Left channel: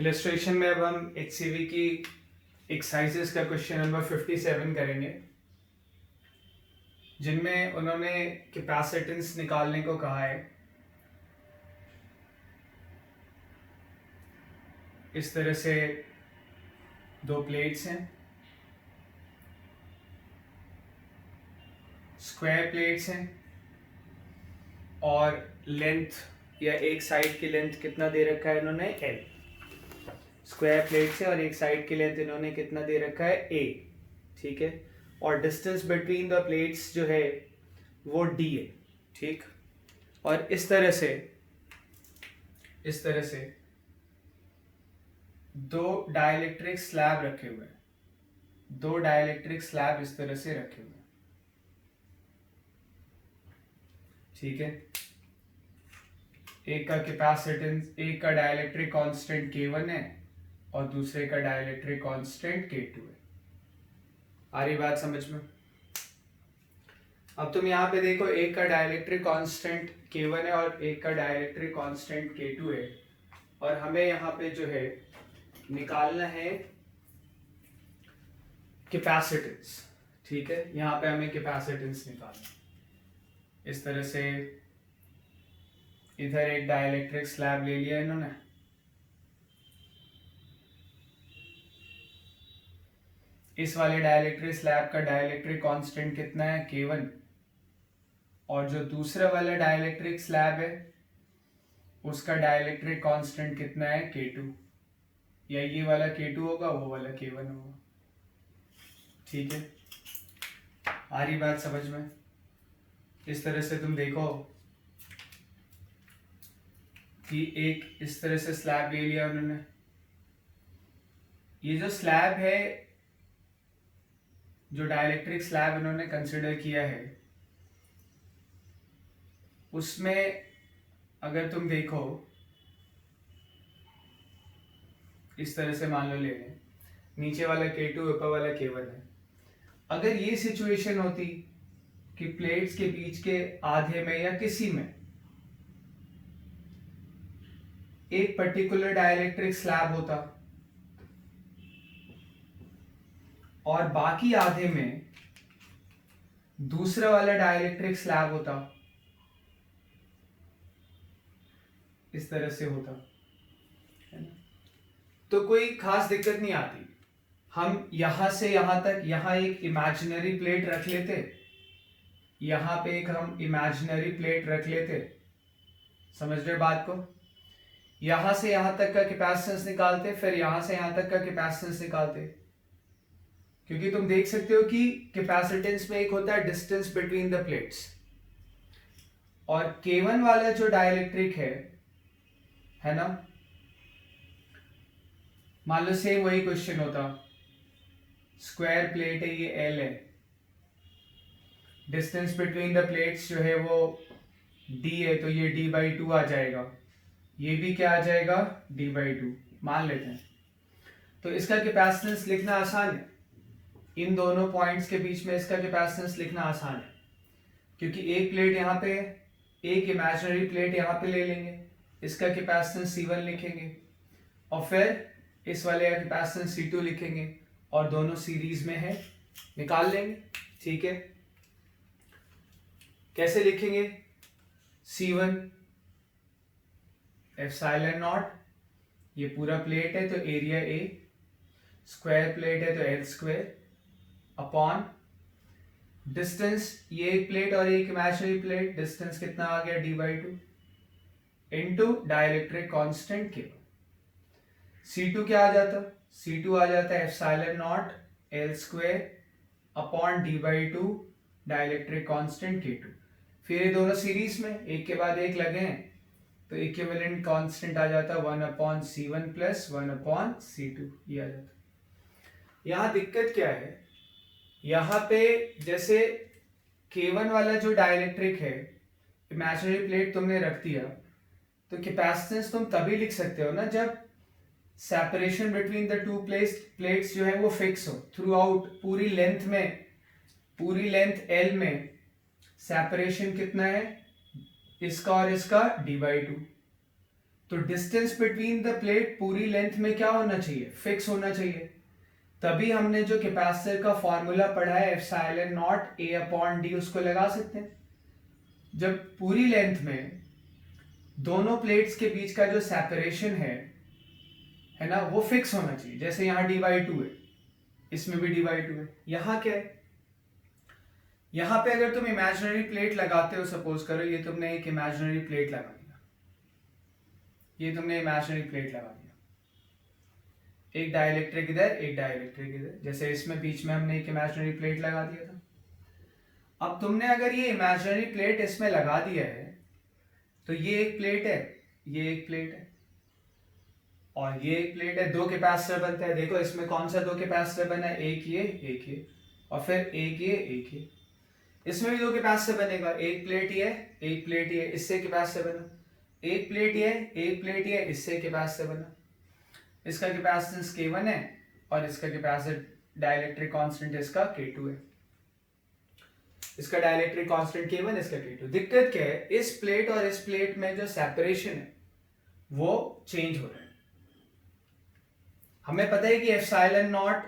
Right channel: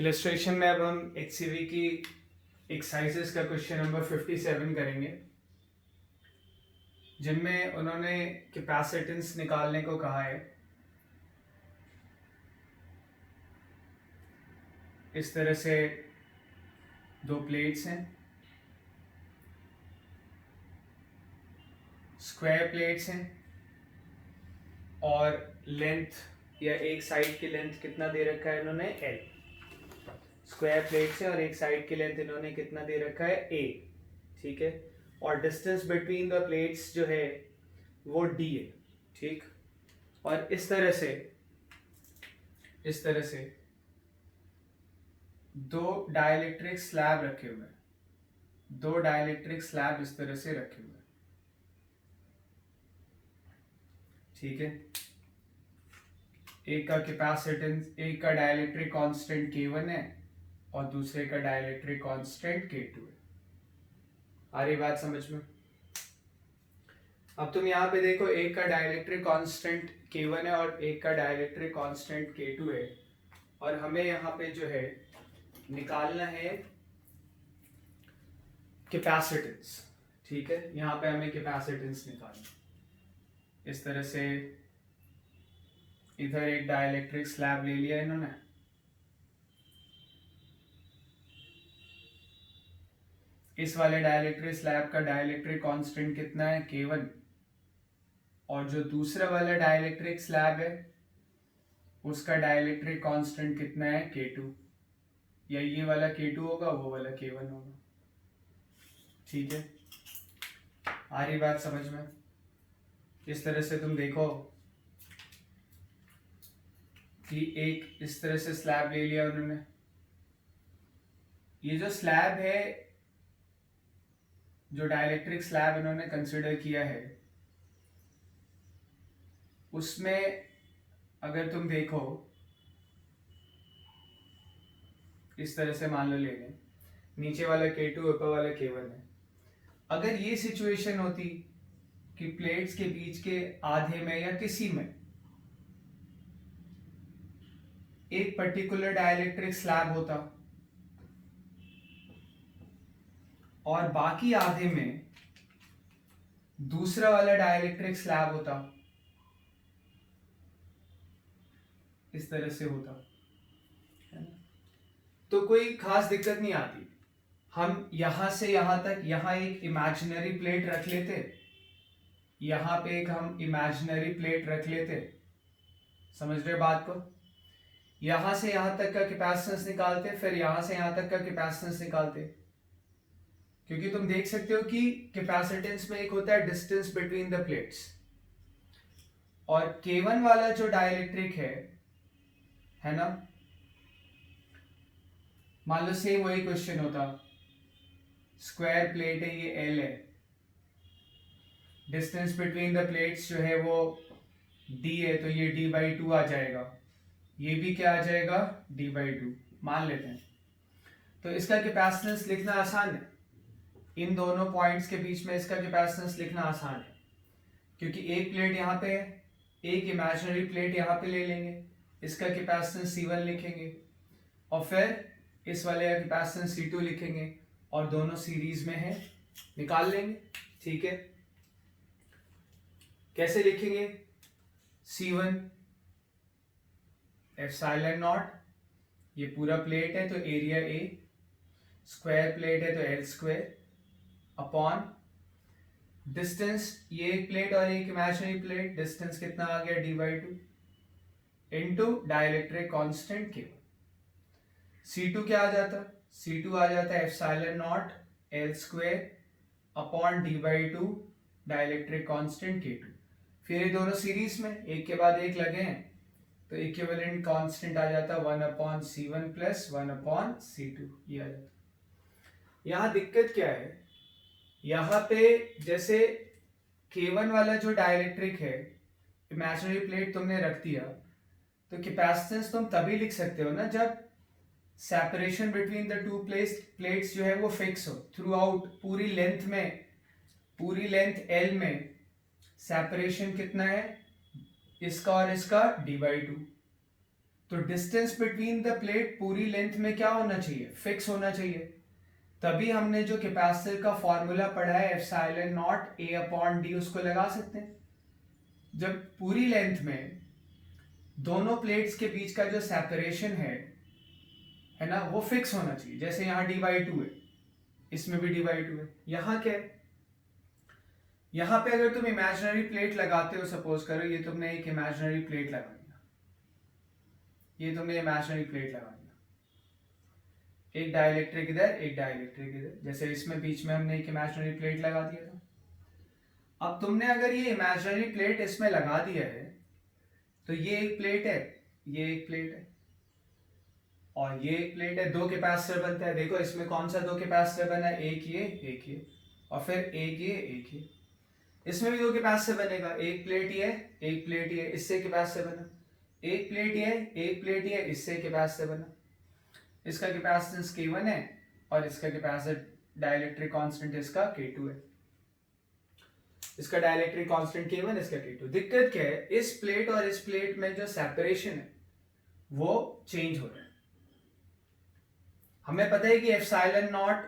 Illustration में अब हम HCV की एक्सरसाइजेस का क्वेश्चन नंबर 57 करेंगे, जिनमें उन्होंने कैपेसिटेंस निकालने को कहा है। इस तरह से दो प्लेट्स हैं, स्क्वायर प्लेट्स हैं, और लेंथ या एक साइड की लेंथ कितना दे रखा है इन्होंने, L। स्क्वायर प्लेट्स है और एक साइड की लेंथ इन्होंने कितना दे रखा है, A। ठीक है, और डिस्टेंस बिटवीन द प्लेट्स जो है वो D है। ठीक, और इस तरह से दो डाइलेक्ट्रिक स्लैब रखे हुए हैं, दो डाइलेक्ट्रिक स्लैब इस तरह से रखे हुए हैं। ठीक है, एक का कैपेसिटेंस, एक का डाइलेक्ट्रिक कांस्टेंट K1 है और दूसरे का डाइलेक्ट्रिक कांस्टेंट K2 है। आ रही बात समझ में? अब तुम यहाँ पे देखो, एक का डाइलेक्ट्रिक कांस्टेंट K1 है और एक का डाइलेक्ट्रिक कांस्टेंट K2 है, और हमें यहाँ पे जो है निकालना है कैपेसिटेंस। ठीक है, यहाँ पे हमें कैपेसिटेंस निकालना है। इस तरह से इधर एक डाइलेक्ट्रिक स्लैब ले लिया इन्होंने, इस वाले डाइलेक्ट्रिक स्लैब का डाइलेक्ट्रिक कांस्टेंट कितना है, K1, और जो दूसरा वाला डाइलेक्ट्रिक स्लैब है उसका डाइलेक्ट्रिक कांस्टेंट कितना है, K2, या ये वाला K2 होगा, वो वाला K1 होगा। ठीक है, आ रही बात समझ में? इस तरह से तुम देखो कि एक इस तरह से स्लैब ले लिया उन्होंने। ये जो स्लैब है, जो डाइलेक्ट्रिक स्लैब इन्होंने कंसिडर किया है, उसमें अगर तुम देखो इस तरह से मान लो ले लें, नीचे वाला K2 ऊपर वाला K1 है। अगर ये सिचुएशन होती कि प्लेट्स के बीच के आधे में या किसी में एक पर्टिकुलर डाइलेक्ट्रिक स्लैब होता और बाकी आधे में दूसरा वाला डाइलेक्ट्रिक स्लैब होता, इस तरह से होता है ना, तो कोई खास दिक्कत नहीं आती। हम यहां से यहां तक यहां एक इमेजिनरी प्लेट रख लेते, यहां पे एक हम इमेजिनरी प्लेट रख लेते, समझ रहे बात को? यहां से यहां तक का कैपेसिटेंस निकालते, फिर यहां से यहां तक का कैपेसिटेंस निकालते, क्योंकि तुम देख सकते हो कि कैपेसिटेंस में एक होता है डिस्टेंस बिटवीन द प्लेट्स, और K1 वाला जो डाइलेक्ट्रिक है ना, मान लो सेम वही क्वेश्चन होता, स्क्वायर प्लेट है, ये L है, डिस्टेंस बिटवीन द प्लेट्स जो है वो D है, तो ये D/2 आ जाएगा, ये भी क्या आ जाएगा, D/2 मान लेते हैं। तो इसका कैपेसिटेंस लिखना आसान है, इन दोनों पॉइंट्स के बीच में इसका कैपेसिटेंस लिखना आसान है, क्योंकि एक प्लेट यहाँ पे है, एक इमेजिनरी प्लेट यहाँ पे ले लेंगे, इसका कैपेसिटेंस C1 लिखेंगे, और फिर इस वाले का कैपेसिटेंस C2 लिखेंगे, और दोनों सीरीज में है, निकाल लेंगे। ठीक है, कैसे लिखेंगे? C1 एप्सिलॉन नॉट, ये पूरा प्लेट है तो एरिया A, स्क्वायर प्लेट है तो L स्क्वायर, अपॉन डिस्टेंस, ये एक प्लेट और एक इमेजिनरी प्लेट, डिस्टेंस कितना आ गया, D/2, into dielectric constant K1। C2 क्या आ जाता, C2 आ जाता है epsilon not L square upon D/2 dielectric constant K2। फिर ये दोनों सीरीज में एक के बाद एक लगे हैं, तो इक्विवेलेंट कांस्टेंट आ जाता 1/C1 प्लस 1/C2, ये आ जाता। यहाँ दिक्कत क्या है, यहाँ पे जैसे K1 वाला जो डाइलेक्ट्रिक है, इमेजिनरी प्लेट तुमने रख दिया, तो कैपेसिटेंस तुम तभी लिख सकते हो ना जब separation between the two plates जो है वो फिक्स हो थ्रू आउट, पूरी लेंथ में, पूरी लेंथ L में सेपरेशन कितना है, इसका और इसका D/2। तो डिस्टेंस बिटवीन द प्लेट पूरी लेंथ में क्या होना चाहिए, फिक्स होना चाहिए। तभी हमने जो कैपेसिटर का फॉर्मूला पढ़ा है epsilon not a upon D, उसको लगा सकते हैं। जब पूरी लेंथ में दोनों प्लेट्स के बीच का जो सेपरेशन है ना, वो फिक्स होना चाहिए। जैसे यहाँ d/2 है, इसमें भी d/2 है। यहाँ क्या है, यहाँ पे अगर तुम इमेजिनरी प्लेट लगाते हो, सपोज करो ये तुमने एक इमेजिनरी प्लेट लगा दिया, ये तुमने इमेजिनरी प्लेट लगा दिया, एक डाइलेक्ट्रिक इधर, एक डाइलेक्ट्रिक इधर, जैसे इसमें बीच में हमने एक इमेजिनरी प्लेट लगा दिया था। अब तुमने अगर ये इमेजिनरी प्लेट इसमें लगा दिया है, तो ये एक प्लेट है, ये एक प्लेट है, और ये एक प्लेट है, दो कैपेसिटर बनता है। देखो इसमें कौन सा दो कैपेसिटर बना है, एक ये, और फिर एक ये। इसमें भी दो कैपेसिटर बनेगा, एक प्लेट ये, एक प्लेट ये, इससे कैपेसिटर बना। एक प्लेट ये, एक प्लेट ये, इससे कैपेसिटर बना। इसका कैपेसिटेंस K1 है और इसका कैपेसिटर डाइलेक्ट्रिक कांस्टेंट इसका K2 है। इसका डाइलेक्ट्रिक कांस्टेंट K1, इसका K2। दिक्कत क्या है, इस प्लेट और इस प्लेट में जो सेपरेशन है वो चेंज हो रहा है। हमें पता है कि epsilon not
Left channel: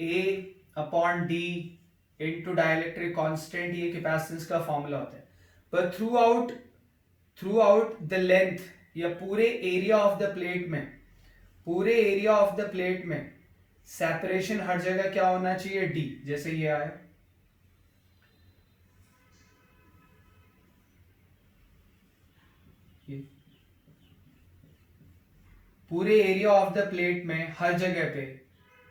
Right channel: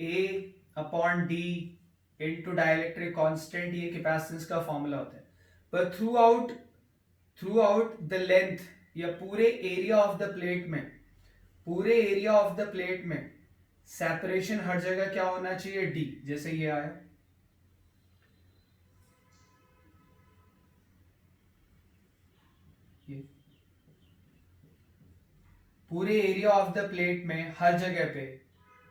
A upon D into dielectric constant ये कैपेसिटेंस का फॉर्मूला होता है। पर थ्रू आउट द लेंथ या पूरे एरिया ऑफ द प्लेट में, पूरे एरिया ऑफ द प्लेट में सेपरेशन हर जगह क्या होना चाहिए, D। जैसे ये आया, ये पूरे एरिया ऑफ द प्लेट में हर जगह पे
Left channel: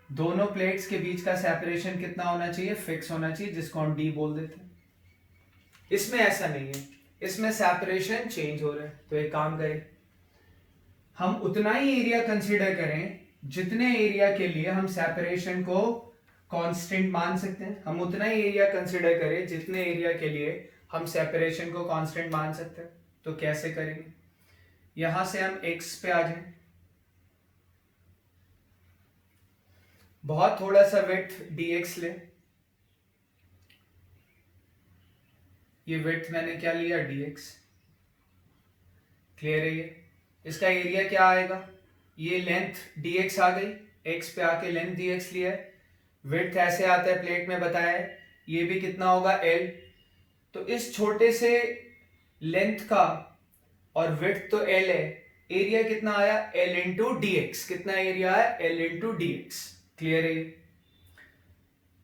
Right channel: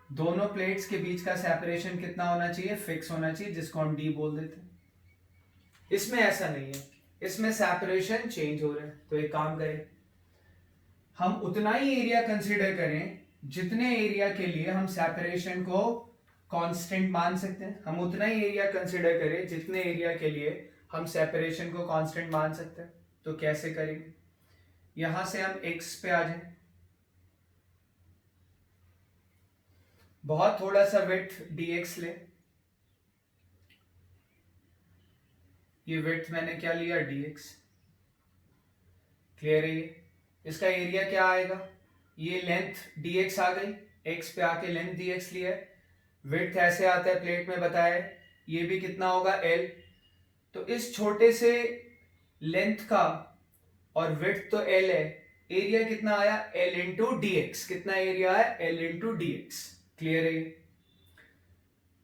दोनों प्लेट्स के बीच का सेपरेशन कितना होना चाहिए, फिक्स होना चाहिए, जिसको हम D बोल देते हैं। इसमें ऐसा नहीं है, इसमें सेपरेशन चेंज हो रहा है। तो एक काम करें, हम उतना ही एरिया कंसीडर करें जितने एरिया के लिए हम सेपरेशन को कांस्टेंट मान सकते हैं। हम उतना ही एरिया कंसीडर करें जितने एरिया के लिए हम सेपरेशन को कांस्टेंट मान सकते हैं। तो कैसे करेंगे, यहां से हम x पे आ जाएं, बहुत थोड़ा सा विड्थ dx ले, ये विड्थ मैंने क्या लिया, dx। क्लियर है ये, इसका एरिया क्या आएगा, ये लेंथ dx आ गई, x पे आके लेंथ dx लिया है, विड्थ ऐसे आता है प्लेट में बताया है, ये भी कितना होगा L। तो इस छोटे से लेंथ का और विड्थ तो L है, एरिया कितना आया, L इंटू dx। कितना एरिया है, L इंटू dx। क्लियर है।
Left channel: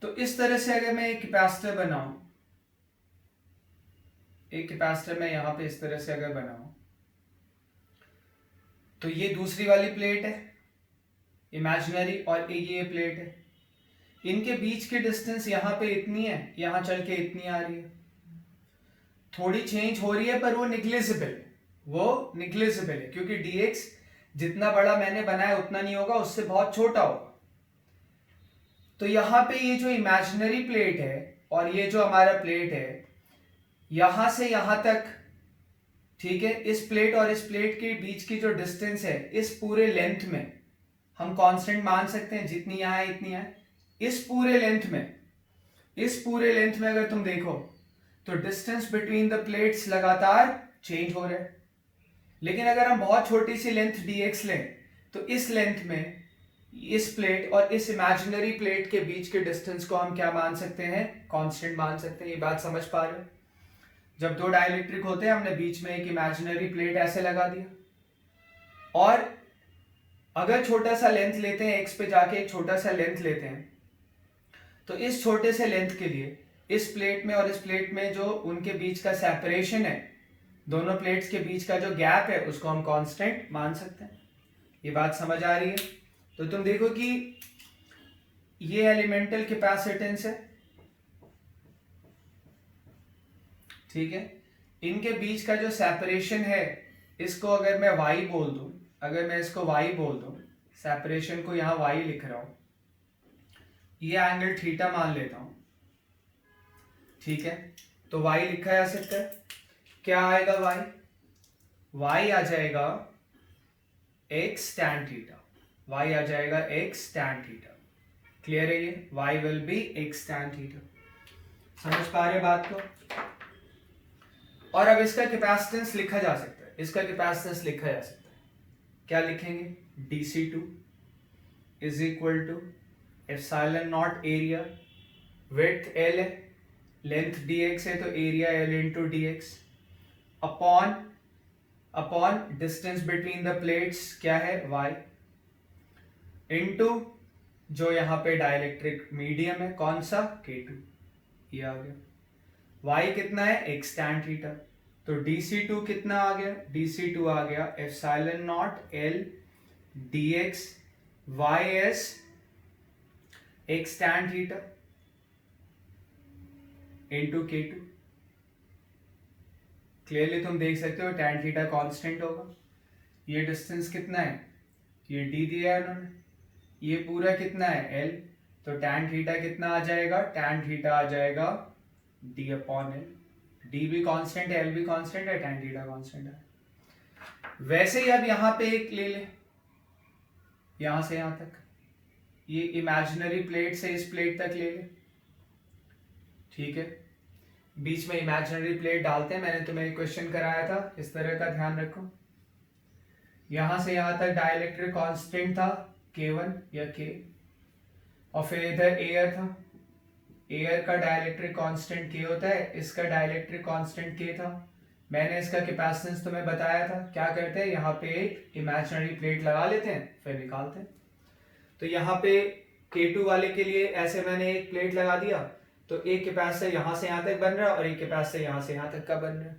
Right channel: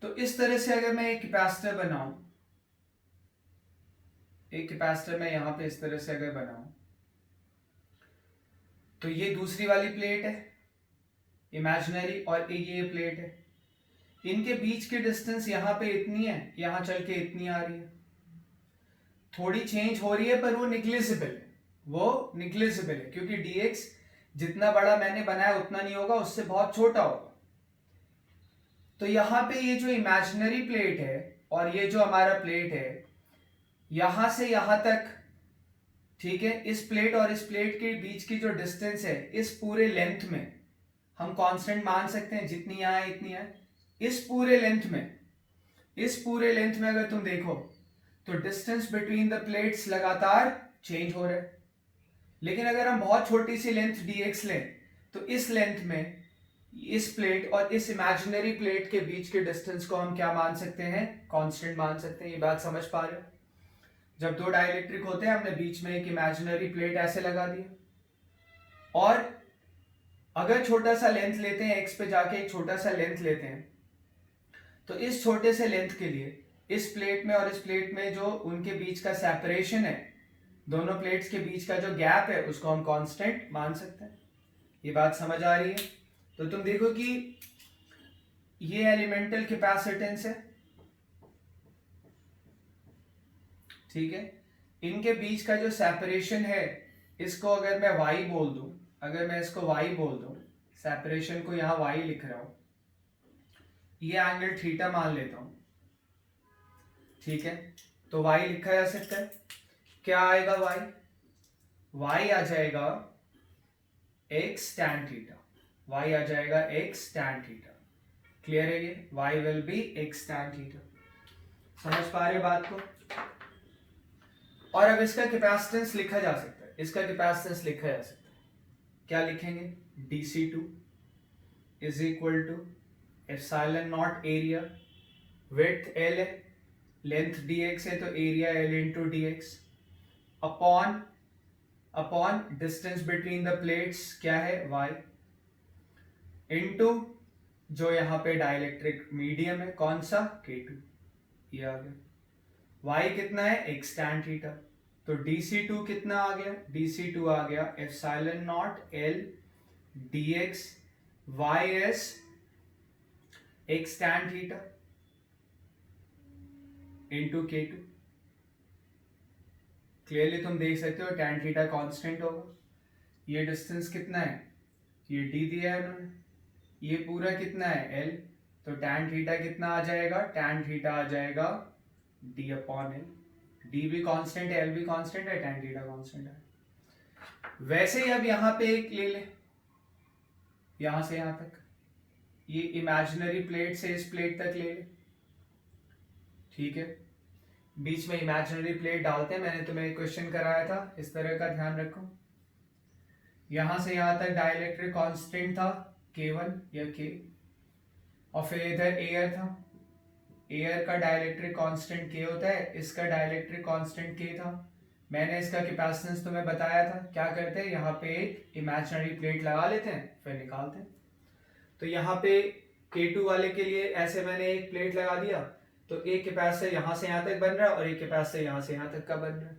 तो इस तरह से अगर मैं एक कैपेसिटर बनाऊं, एक कैपेसिटर मैं यहां पे इस तरह से अगर बनाऊं, तो ये दूसरी वाली प्लेट है इमेजिनरी, और ये प्लेट है, इनके बीच की डिस्टेंस यहां पे इतनी है, यहां चल के इतनी आ रही है, थोड़ी चेंज हो रही है, पर वो निग्लिजिबल है, वो निग्लिजिबल है, क्योंकि dx जितना बड़ा मैंने बनाया उतना नहीं होगा, उससे बहुत छोटा होगा। तो यहां पे ये जो इमेजिनरी प्लेट है और ये जो हमारा प्लेट है, यहां से यहां तक, ठीक है, इस प्लेट और इस प्लेट के बीच की जो डिस्टेंस है, इस पूरे लेंथ में हम कांस्टेंट मान सकते हैं, जितनी यहां है इतनी है। इस पूरे लेंथ में अगर तुम देखो तो डिस्टेंस बिटवीन द प्लेट्स लगातार चेंज हो रहा है। लेकिन अगर हम बहुत छोटी सी लेंथ dx लें, तो इस लेंथ में इस प्लेट और इस इमेजिनरी प्लेट के बीच के डिस्टेंस को हम क्या मान सकते हैं, कांस्टेंट मान सकते हैं। ये बात समझ पा रहे हो, जब दो डाइलेक्ट्रिक होते हैं, हमने बीच में एक इमेजिनरी प्लेट ऐसे लगा दिया, और अगर छोटा सा लेंथ लेते हैं, x पे जाके एक छोटा सा लेंथ लेते हैं, तो इस छोटे से लेंथ के लिए इस प्लेट में और इस प्लेट में जो उनके बीच का सेपरेशन है, दोनों प्लेट्स के बीच का जो गैप है, उसको हम कांस्टेंट मान सकते हैं। ये बात समझ आ रही है। तो तुम देखो कि ये एलिमेंटल कैपेसिटेंस है, ठीक है, इनके बीच का जो सेपरेशन है, इसको अगर मैं y बोल दूं, अगर मैं इसको y बोल दूं, सेपरेशन को यहां y लिख रहा हूं, ये एंगल थीटा मान लेता हूं, ठीक है, तो y लिखा जा सकता है। क्या आएगा y आ जाएगा x tan थीटा, y आ जाएगा x tan थीटा। क्लियर है ये, y will be x tan theta. समझ पा रहे बात को। और अब इसका कैपेसिटेंस लिखा जा सकता है, इसका कैपेसिटेंस लिखा जा सकता है, क्या लिखेंगे, DC2 is equal to epsilon naught area, width L है, लेंथ dx है, तो area L into D X, upon distance between the plates क्या है y, इनटू जो यहाँ पे डाइलेक्ट्रिक मीडियम है कौन सा, K2, ये आ गया। y कितना है, x tan थीटा, तो DC2 कितना आ गया, DC2 आ गया epsilon not L dx ys x tan theta into K2। Clearly तुम देख सकते हो tan थीटा कांस्टेंट होगा। ये डिस्टेंस कितना है, ये d दिया है उन्होंने, ये पूरा कितना है L, तो tan थीटा कितना आ जाएगा, tan थीटा आ जाएगा d अपॉन L, d भी कांस्टेंट है, L भी कांस्टेंट है, tan थीटा कांस्टेंट है। वैसे ही अब यहाँ पे एक ले ले, यहाँ से यहाँ तक, ये इमेजिनरी प्लेट से इस प्लेट तक ले ले, ठीक है, बीच में इमेजिनरी प्लेट डालते हैं, मैंने तुम्हें एक क्वेश्चन कराया था, इस तरह का ध्यान रखो। यहां से यहां तक डाइलेक्ट्रिक कांस्टेंट था K1 या K, और फिर इधर एयर था, एयर का डाइलेक्ट्रिक कांस्टेंट K होता है, इसका डाइलेक्ट्रिक कांस्टेंट K था। मैंने इसका कैपेसिटेंस तुम्हें बताया था, क्या करते हैं यहाँ पे एक इमेजिनरी प्लेट लगा लेते हैं फिर निकालते हैं। तो यहाँ पे K2 वाले के लिए ऐसे मैंने एक प्लेट लगा दिया, तो एक कैपेसिटर यहां से यहां तक बन रहा है और एक कैपेसिटर यहां से यहां तक का बन रहा है,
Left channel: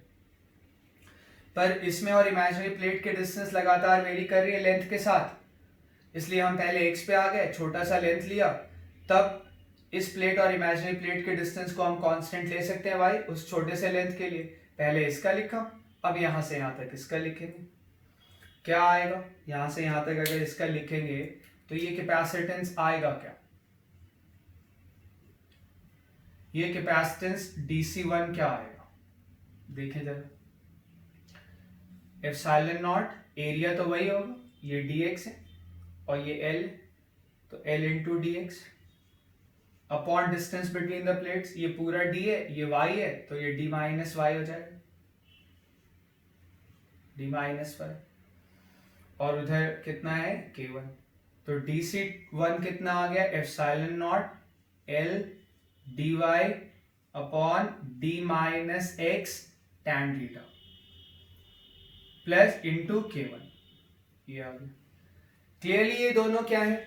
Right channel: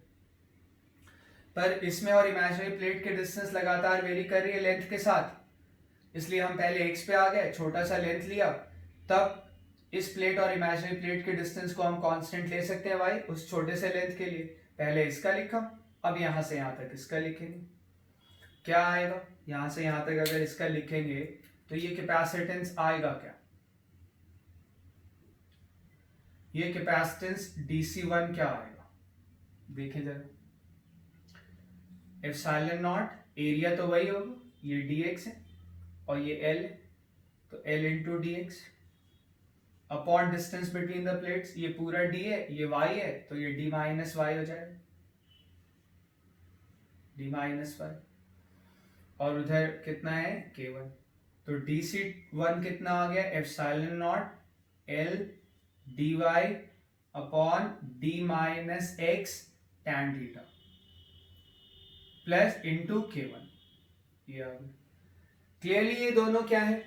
पर इसमें और इमेजिनरी प्लेट के डिस्टेंस लगातार वेरी कर रही है लेंथ के साथ, इसलिए हम पहले x पे आ गए, छोटा सा लेंथ लिया, तब इस प्लेट और इमेजिनरी प्लेट के डिस्टेंस को हम कांस्टेंट ले सकते हैं y उस छोटे से लेंथ के लिए। पहले इसका लिखा, अब यहां से यहां तक इसका लिखेंगे, क्या आएगा, यहां से यहां तक अगर इसका लिखेंगे तो ये कैपेसिटेंस आएगा क्या, ये कैपेसिटेंस DC1 क्या आएगा, देखें जरा, एप्सिलॉन नॉट एरिया तो वही होगा, ये dx है और ये L, तो L into D X, upon distance between the plates, ये पूरा d है, ये y है, तो ये d माइनस वाई हो जाएगा, d माइनस वाई, और उधर कितना है K1, तो DC1 कितना आ गया, epsilon not L dy upon d minus x tan theta plus into K1, ये आ गया। क्लियरली ये दोनों क्या है,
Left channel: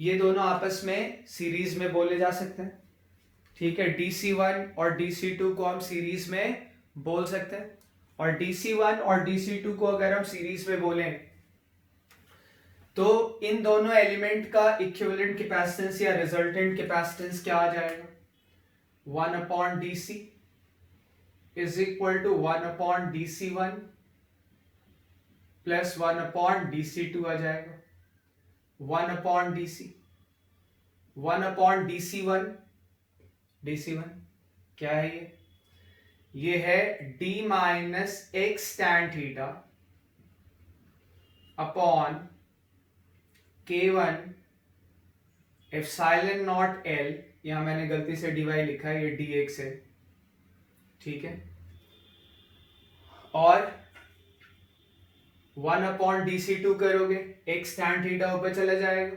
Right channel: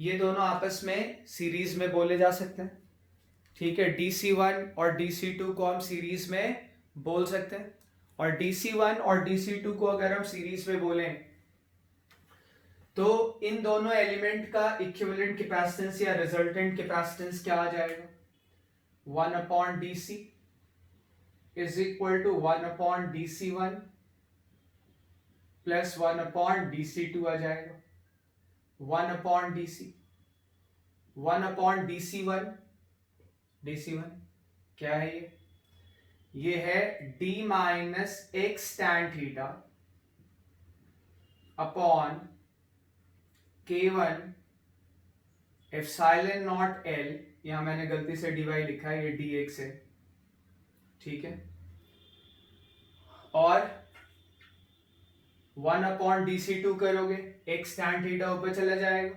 ये दोनों आपस में सीरीज में बोले जा सकते हैं, ठीक है, DC1 और DC2 को हम सीरीज में बोल सकते हैं, और DC1 और DC2 को अगर हम सीरीज में बोलें तो इन दोनों एलिमेंट का इक्विवेलेंट कैपेसिटेंस या रिजल्टेंट कैपेसिटेंस क्या आ जाएगा, 1 upon DC is equal to 1 upon DC1 plus 1 upon DC2 आ जाएगा, 1 upon DC, 1 upon DC1, DC1 क्या है ये है d minus x tan theta upon K1 epsilon not L, यहां मैंने गलती से dy लिखा है, ये dx है, ठीक है, और 1 अपॉन DC2 करोगे x tan थीटा ऊपर चला जाएगा,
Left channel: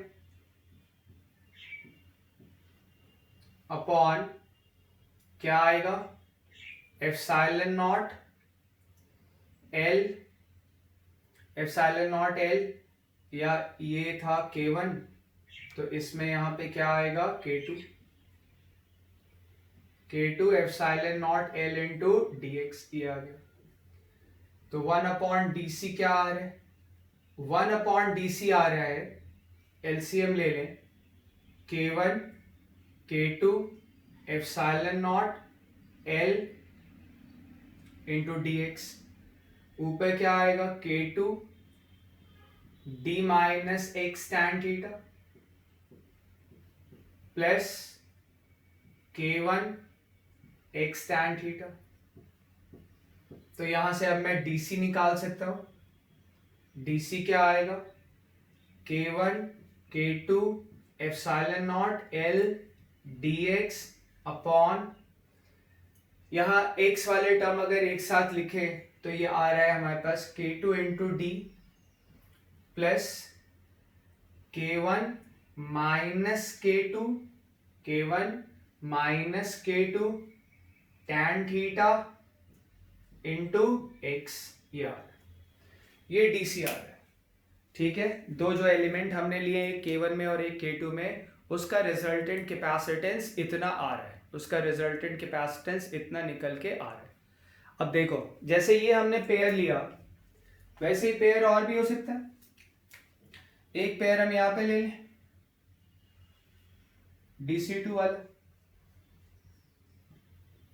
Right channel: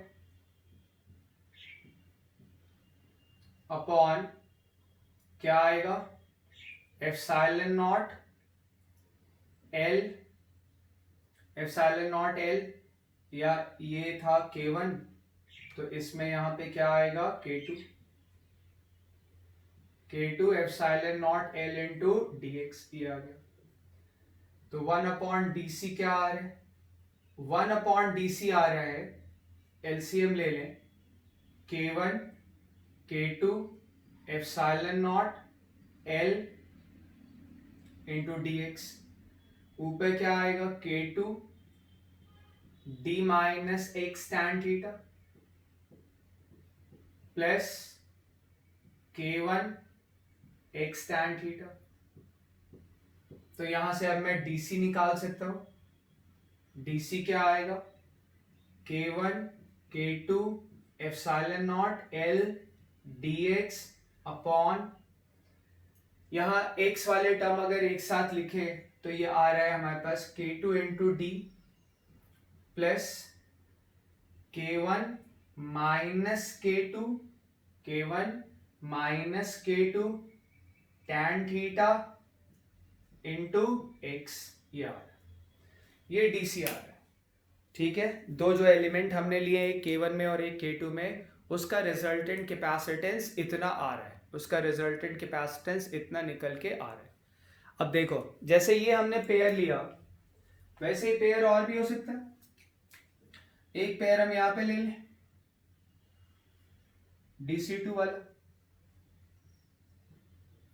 अपॉन क्या आएगा, epsilon not L, epsilon not L या ये था K1, तो इसमें यहां पे क्या आएगा K2, K2 epsilon not L into dx, ये आ गया। तो 1 अपॉन DC क्या आ रहा है, 1 अपॉन DC आ रहा है, एलसीएम ले लें, K1 K2 epsilon not L into dx, ऊपर क्या आएगा K2 d minus x tan theta plus K1 x tan theta, तो यहां से अब मैं DC निकाल सकता हूं, DC क्या आएगा, K1 K2 epsilon not L dx upon, यहां x वाले टर्म अगर एक साथ लिखे तो ये आ रहा है हमारे पास K2 into D plus K1 minus K2, K1 minus K2 tan theta into x, ये DCR है। ठीक है, दो जो एलिमेंट हमने लिए एक K1 में और एक K2 में, उसका रिजल्टेंट कैपेसिटेंस इतना आ रहा है, उसका रिजल्टेंट कैपेसिटेंस इतना निकल के आ रहा है। अब देखो, जैसे ये हमने पेयर लिया, वैसे ही पेयर और भी हो सकता है। एक पेयर हम यहां पे ले लें DC2 वाला,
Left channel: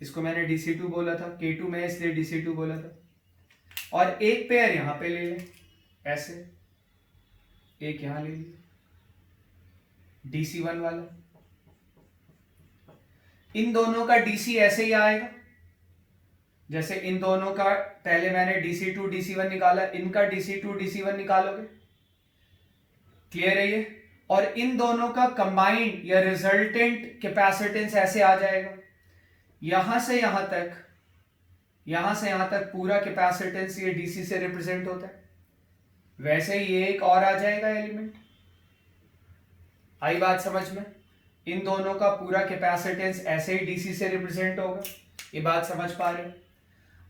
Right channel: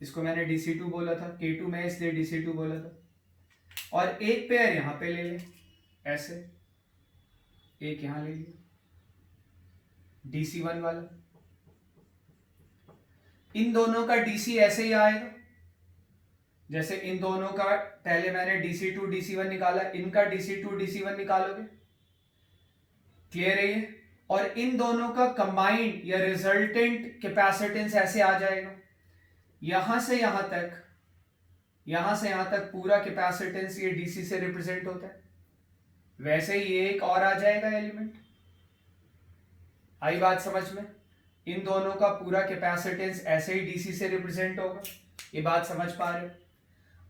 इसको मैंने DC2 बोला था, K2 में इसलिए DC2 बोला था। और एक पेयर यहां पे ले लें ऐसे, एक यहां ले लिया DC1 वाला। इन दोनों का DC ऐसे ही आएगा, जैसे इन दोनों का पहले मैंने DC2 DC1 निकाला, इनका DC2 DC1 निकालोगे, क्लियर है ये। और इन दोनों का कंबाइंड या रिजल्टेंट कैपेसिटेंस ऐसे आ जाएगा, यहां से यहां तक, यहां से यहां तक पूरा कैपेसिटेंस ये DC से रिप्रेजेंट होता है। वैसे ही ये एक और आ जाएगा एलिमेंट। आई बात समझ में? इन दोनों का पूरा कैपेसिटेंस ऐसे ही DC से रिप्रेजेंट होगा, ये बात समझ पा रहे हो?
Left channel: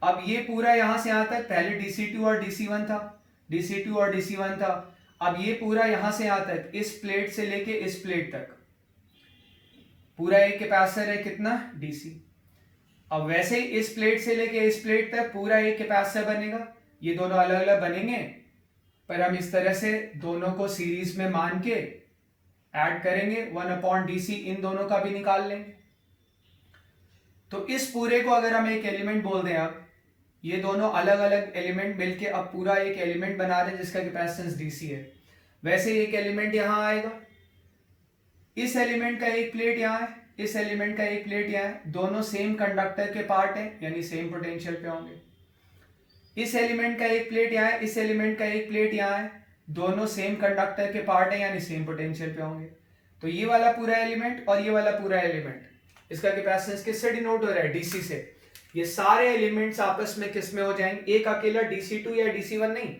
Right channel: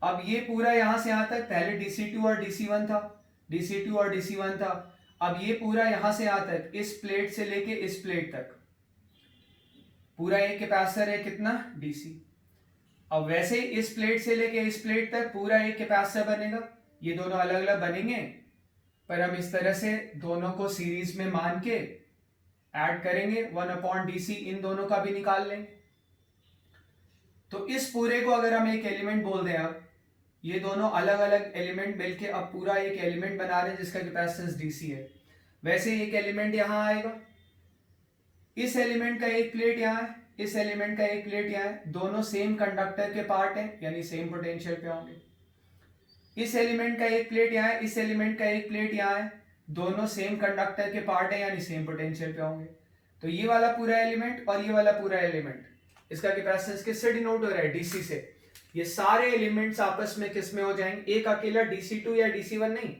अब ये पूरा यहां से यहां तक, पहले DC2 और DC1 था, DC2 और DC1 था। अब ये पूरा यहां से यहां तक, इस प्लेट से लेके इस प्लेट तक पूरा एक कैपेसिटर है, कितना? DC। अब वैसे ही इस प्लेट से लेके इस प्लेट तक पूरा एक कैपेसिटर बनेगा। ये दोनों अलग अलग बनेंगे, पर हम इस तरह से दोनों को सीरीज में मान के ऐड करेंगे, 1/DC इन दोनों का भी निकाल लेंगे। तो इस पूरे को अगर हम एक एलिमेंट बोल दें, अब ये दोनों अलग अलग एलिमेंट मिलके अब पूरा एक एलिमेंट बना रहे हैं जिसका कैपेसिटेंस DC है। वैसे एक एलिमेंट यहां आएगा, इस एलिमेंट का एक प्लेट यहां है, इस एलिमेंट का एक प्लेट यहां है, दोनों सेम कंडक्टर के पार्ट हैं, यानी सेम पोटेंशियल पे होंगे। इस एलिमेंट का एक प्लेट यहां है, इस एलिमेंट का एक प्लेट यहां है, दोनों सेम कंडक्टर के पार्ट हैं, यानी सेम पोटेंशियल पे होंगे। तो ये वाला पूरा एलिमेंट और ये वाला पूरा एलिमेंट, इसका कैपेसिटेंस किससे डिनोट हो रहा है? DC से। ये सारे एलिमेंट्स आपस में किस में हो जाएंगे? एक अकेला DC2 या DC1 नहीं,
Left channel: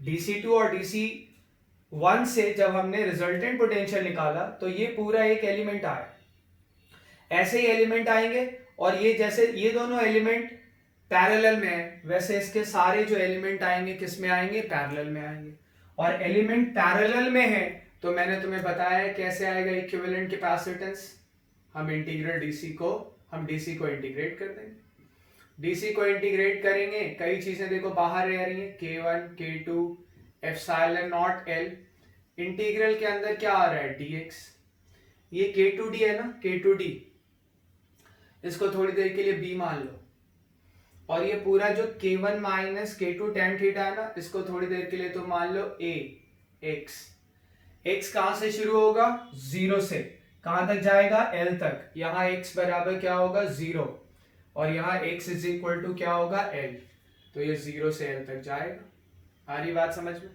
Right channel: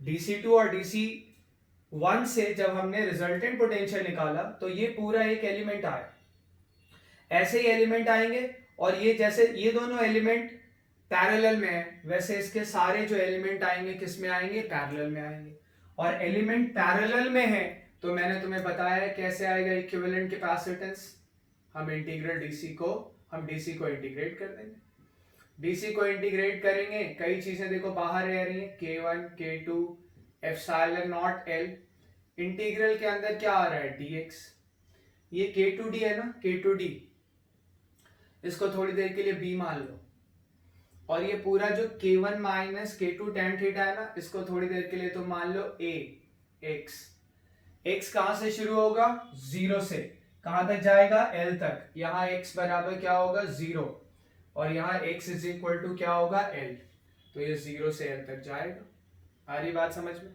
DC2 और DC1 से जब हमने रिजल्टेंट पोटेंशियल निकाला तो ये पूरा एक एलिमेंट आया। ऐसे ही एलिमेंट आएंगे, और ये जैसे ये दोनों एलिमेंट पैरेलल में है, वैसे इसके सारे जो एलिमेंट आएंगे किस में आएंगे? पैरेलल में आएंगे। और एलिमेंट पैरेलल में है तो मैंने तुम्हें बताया है कैसे आएगा इक्विवेलेंट कैपेसिटेंस। हम इंटीग्रल हम DC को इंटीग्रेट कर देंगे, DC को इंटीग्रेट करेंगे, कई चीजें देखो बाहर रह रही हैं, K1 K2 epsilon not L, integral के अंदर क्या आ रहा है? dx। ये K2d है ना, K2d, इसको थोड़ी देर के लिए b मान लो। और ये पूरा जो K1 minus K2 tan theta है ना, इसको थोड़ी देर के लिए तो मान लो a x। x कहां से शुरू होगा? 0 से। कहां तक जाएगा? L तक। यहां x बराबर क्या होगा? 0, और यहां x इज इक्वल टू क्या होगा? L। तो ये 0 से L तक जाएगा। आ रही बात समझ में?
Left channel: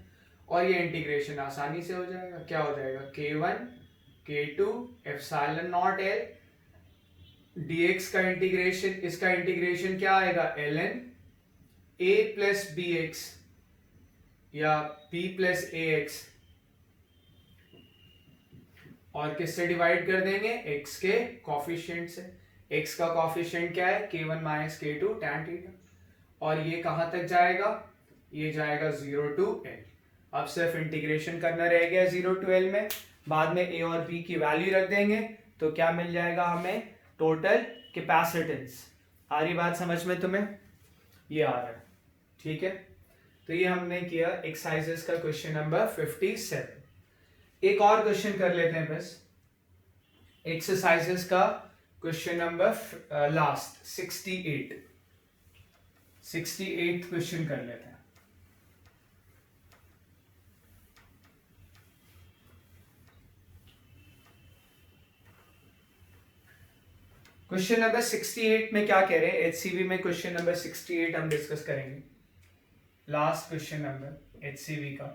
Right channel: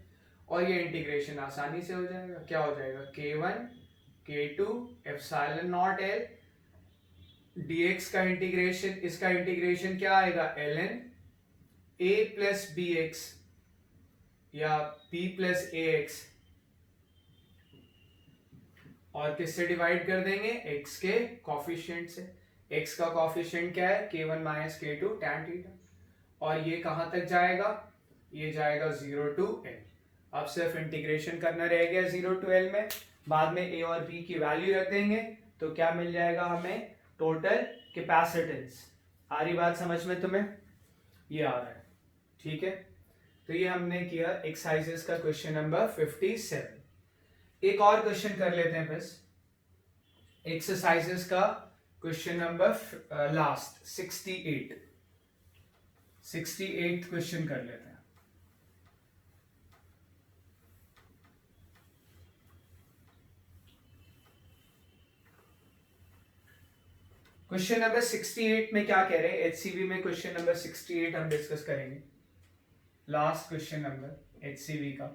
और ये इंटीग्रेशन आसानी से हो जाएगा। क्या हो जाएगा? K1 K2 epsilon not L dx का इंटीग्रेशन, इसका इंटीग्रेशन क्या आएगा? ln a प्लस bx या b प्लस ax, और किससे डिवाइड कर देंगे? x के कॉफिशिएंट से। x का कॉफिशिएंट क्या है? K1 minus K2 tan theta. और ये कहां तक जाएगा? ये जाएगा 0 to L। अब सिर्फ इंटीग्रेशन करना रह गया 0 to L में, बाद में a और b की वैल्यू रख देंगे तो क्या मिल जाएगा हमें? Total capacitance. आ रही बात समझ में तुम्हें? ये आ रहा है, ठीक है। तो ये हमने किया एक्सरसाइजेस का क्वेश्चन नंबर 57। एक और क्वेश्चन कर लेते हैं बस, एक्सरसाइजेस का क्वेश्चन नंबर लास्ट 68 क्वेश्चन कर लेते हैं। क्वेश्चन नंबर 68 में क्या कह रहे हैं? HCV में क्वेश्चन नंबर 68 हम डिस्कस करेंगे, लास्ट क्वेश्चन नंबर HCV का।